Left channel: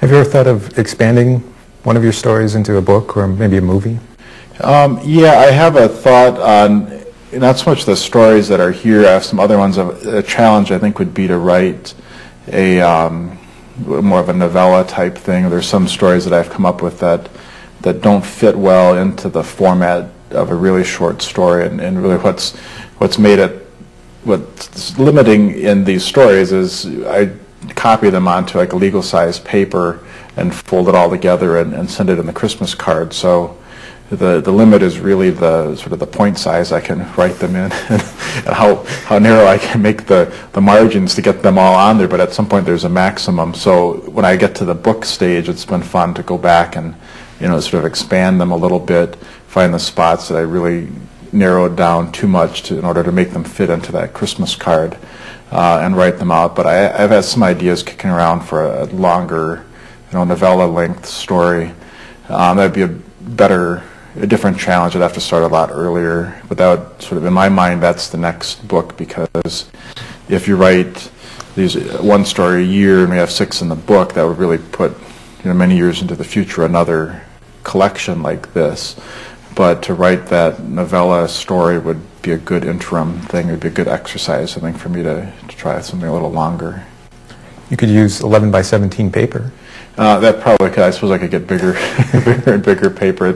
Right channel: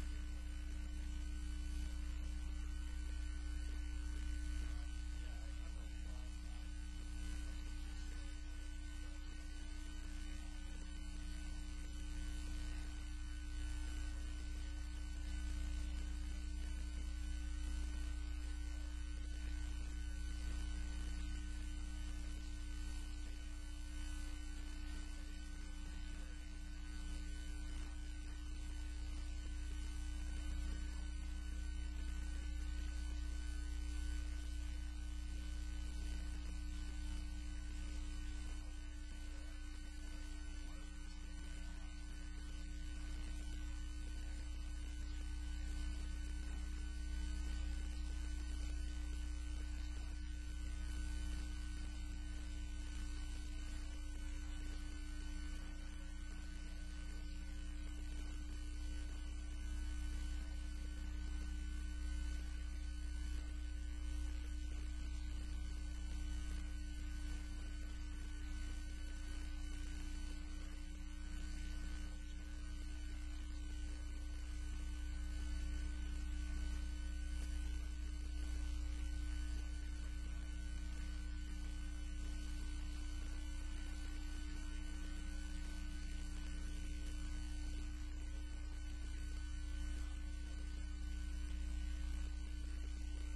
Have you ever thought of expanding one of your stories into a book or maybe a movie? Yeah, I have a thought on not so much the stories that are here. I have some other ones. A challenge I think would be to write a more of a novella type thing. There's some stories that I've come up with that don't fit well into the format of a really short story, and really what's made it, what's limiting in these stories is I copy them onto like a legal size paper and fold it all together and send it in the Christmas card. So the limit is really the sort of the point size I can write them in and how narrow I can make the margins to get them all on there, but at some point there's a maximum. So when I get to the book stage, it's been fun to go back and sort of expand them a little bit, find the spots that I really narrowed down too much in order to make them fit into that Christmas card, and write them out. But I've had some ideas kicking around for a longer, novella length story. That'd be a different challenge. I'd have to start a lot earlier, but that would sort of, in my mind, that's the next book, because if you write these one story a year and we have 6 in the book, that would really put many years into the future another collection like this. But to write that novella story would be a good interim thing. It would be a good exercise, I think, for me to try something a little longer. You could use 11 by 17 paper. That probably could. I suppose I could get bigger, bigger and bigger paper.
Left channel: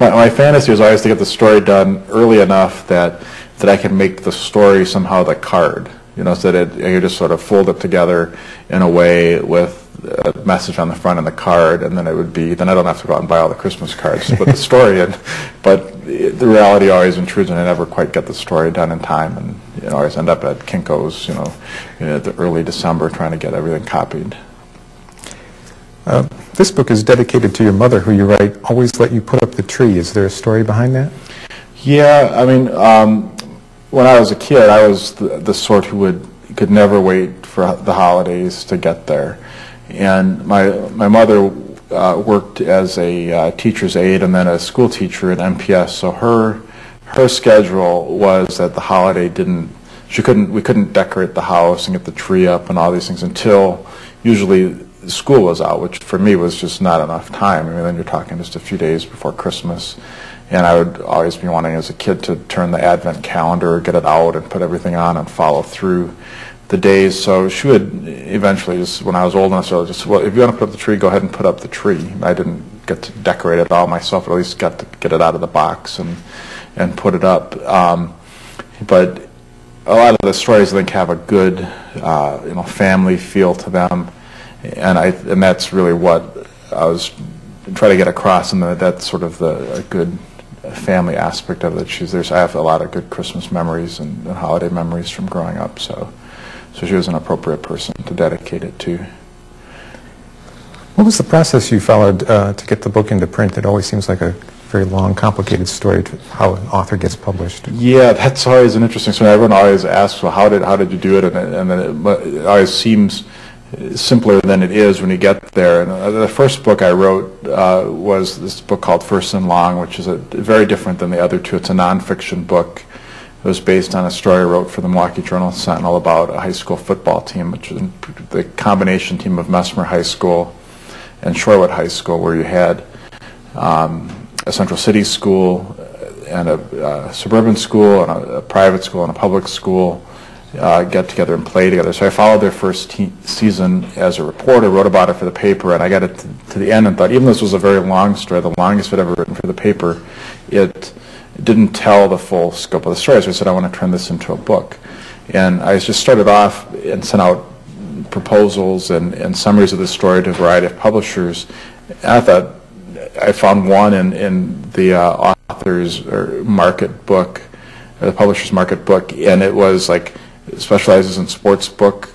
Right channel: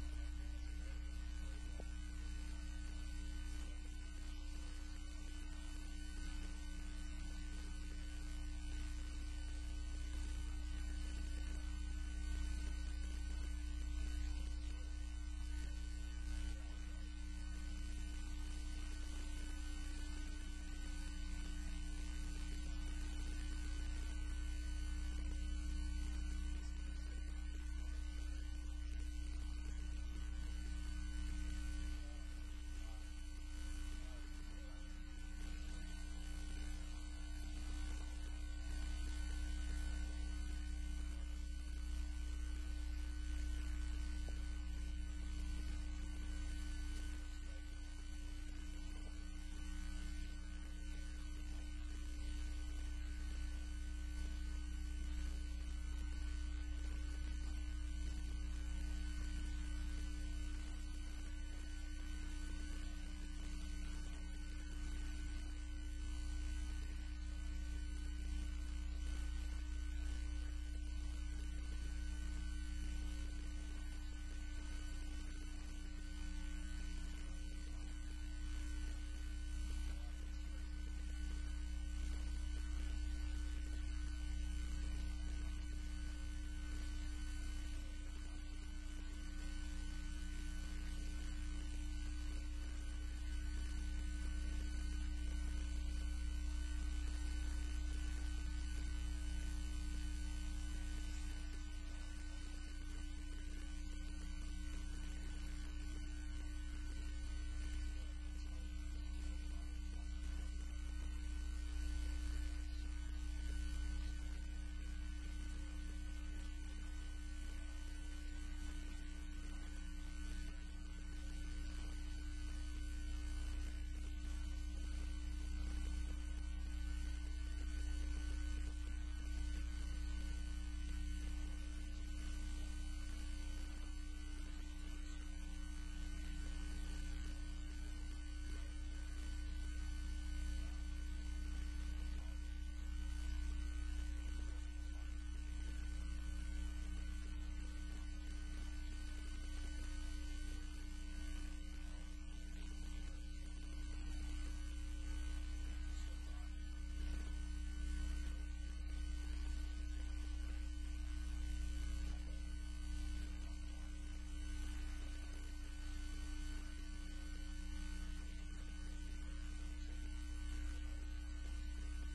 My fantasy was always to get the story done early enough that I can make the story somehow the card. So that I could just sort of fold it together in a way with a message on the front and the card, and then then I don't have to go out and buy all the Christmas cards to put the story in. But the reality always intrudes, and I never quite get the story done in time, and always end up at Kinko's, the early December trying to get everything copied. This book is dedicated to your mother, who you write always let you put up the tree. Is there a story behind that? Yeah, I mean, when I was a kid, I was the sort who could never wait for the holidays to get there. And my mother worked as a teacher's aide and then a school teacher at MPS. So her schedule was that the holiday we couldn't decorate the house and get the tree up and all these things until usually school was out, which for me was just not enough time. I mean, then you're talking just a few days before Christmas. And I would always be wanting as a kid to turn the Advent calendar, get it out and put everything on and follow through the days. So she would eventually, just when I was old enough, so just, well, if you want to put up the tree, go ahead and put up the tree. I didn't get to decorate it all myself, but at least got to get it out of the box and put it up. But a lot of the stories, I think, have a good family feel to them, and that's really what I was trying to get across, and that's sort of a good family aspect of it. I have a lot of good Christmas memories and holiday memories from growing up, so she was an appropriate person to dedicate it to. What was the process you followed to get the book into print? It always seems like a very long, complicated story to how an author gets published. Yeah, that's always an interesting story. Everyone always asks, well, how did you do it? And then it always seems simpler than it is when you get there. And the first book I wrote was this book called First and Long, which is very different than the other two. It's a nonfiction book. It was based on a story I wrote for the Milwaukee Journal-Sentinel about a high school football team, which was the combination team of Mesmer High School and Shorewood High School, where you had a Central City school and a suburban school and a private school and a public school get together and play together. So I followed their first season as a reporter, wrote about it for the paper, and I got it to the end and thought, even though this was a very long story, the longest I'd ever written for the paper, it didn't tell the full scope of the story. So I said, I want to turn this into a book. And I just started off and sent out proposals and summaries of the story to a variety of publishers. And I thought, I found one in the author's market book, the publisher's market book, and it was like, it specializes in sports books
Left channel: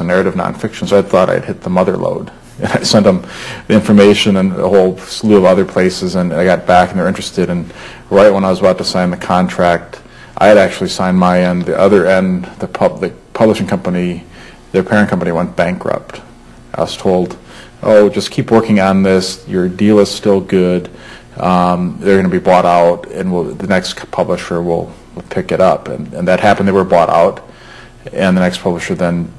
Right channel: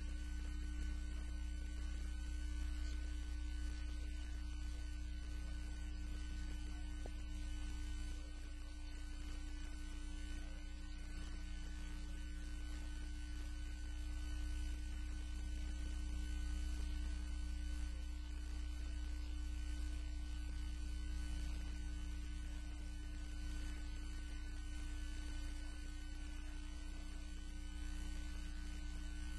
and narrative nonfiction, so I thought I'd hit the mother lode. And I sent them the information and a whole slew of other places, and I got back and they were interested. And right when I was about to sign the contract, I had actually signed my end. The other end, the publishing company, their parent company went bankrupt. I was told, oh, just keep working on this. Your deal is still good. They're going to be bought out, and the next publisher will pick it up. And that happened. They were bought out, and the next publisher then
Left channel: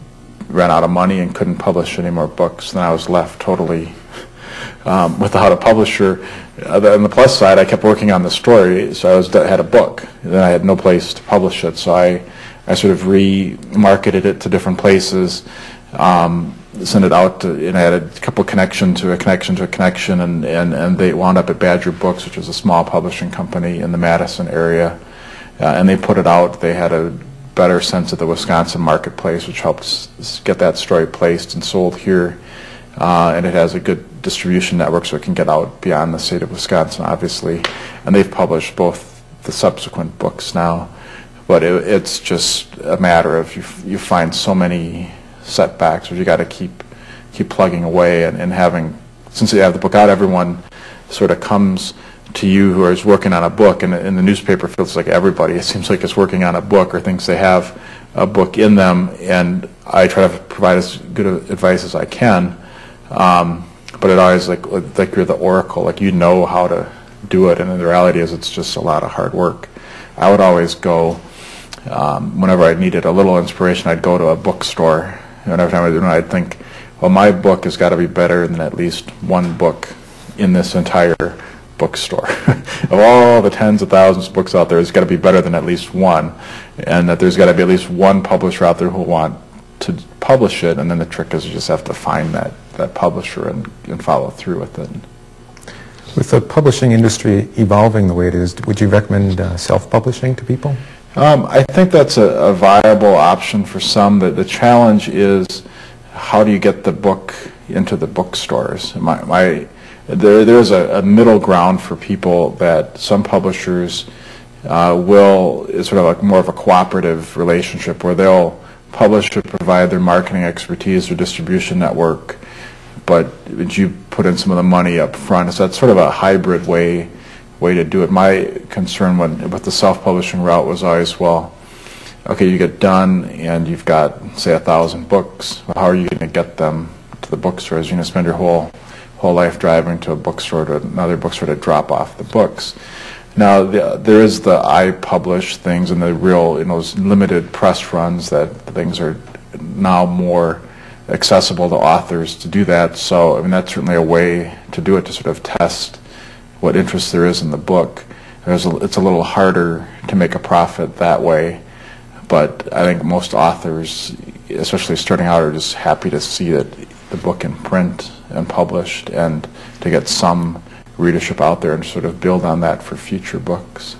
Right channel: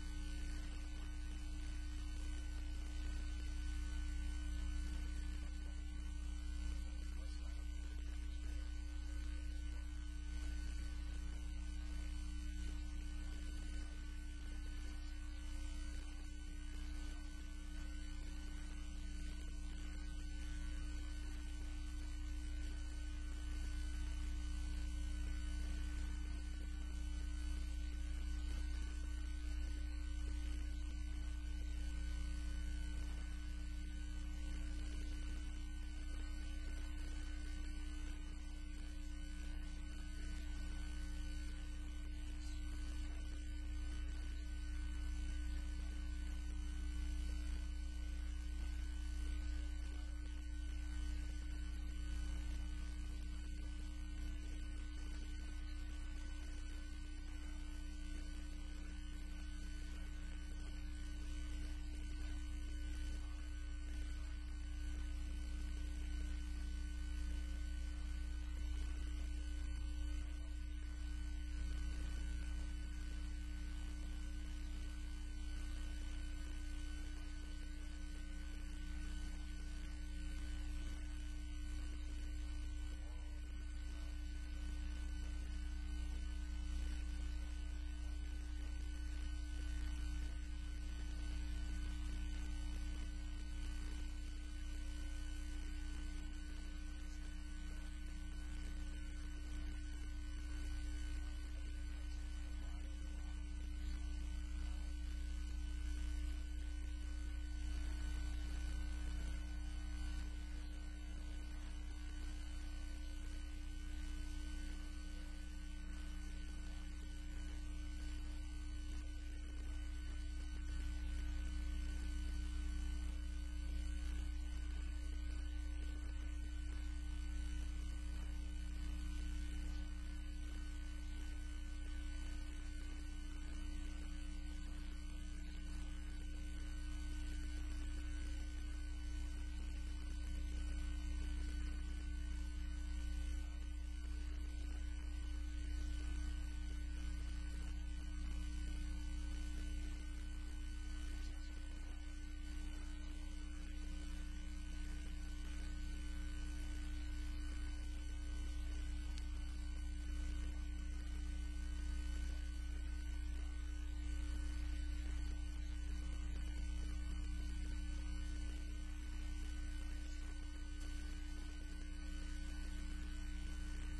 ran out of money and couldn't publish any more books, then I was left totally without a publisher. On the plus side, I kept working on the story, so I had a book. Then I had no place to publish it, so I sort of remarketed it to different places, sent it out to, and I had a couple connection to a connection to a connection, and they wound up at Badger Books, which was a small publishing company in the Madison area, and they put it out. They had a better sense of the Wisconsin marketplace, which helped get that story placed and sold here, and it has a good distribution network, so it can get out beyond the state of Wisconsin, obviously, and they've published both the subsequent books now. But it's just a matter of you find so many setbacks, where you got to keep plugging away, and having, since you have the book out, everyone sort of comes to you who is working on a book, and in the newspaper feels like everybody, it seems like, is working on a book or thinks they have a book in them, and I try to provide as good advice as I can, but it always like you're the oracle, like you know how to do it, and the reality is it's just a lot of hard work. I would always go, whenever I needed a little inspiration, I'd go to a bookstore, and every time I do it, I'd think, well, my book has got to be better than at least one book in this entire bookstore. Of all the tens of thousands of books out there, it's got to be better than at least one, and that there's got to be at least one publisher out there who will want to publish it, and then the trick is you just have to find that publisher and follow through with it. With the publishing industry evolving the way it is, would you recommend self-publishing to people? I think that's a viable option for some. The challenge is, how do you get the book into the bookstores? There's a middle ground for people that some publishers it's sort of like more of a cooperative relationship, where they'll publish to provide their marketing expertise or distribution network, but you put in some of the money up front. So that's sort of a hybrid way to do it. My concern with the self-publishing route was always, well, okay, you get done and you've got, say, 1,000 books. Well, how are you going to get them to the bookstores? You're going to spend your whole life driving to a bookstore to another bookstore to drop off the books. Now, there is the I publish things and the real, those limited press runs that things are now more accessible to authors to do that. So, I mean, that's certainly a way to do it, to sort of test what interest there is in the book. It's a little harder to make a profit that way, but I think most authors, especially starting out, are just happy to see that the book in print and published, and to get some readership out there and sort of build on that for future books.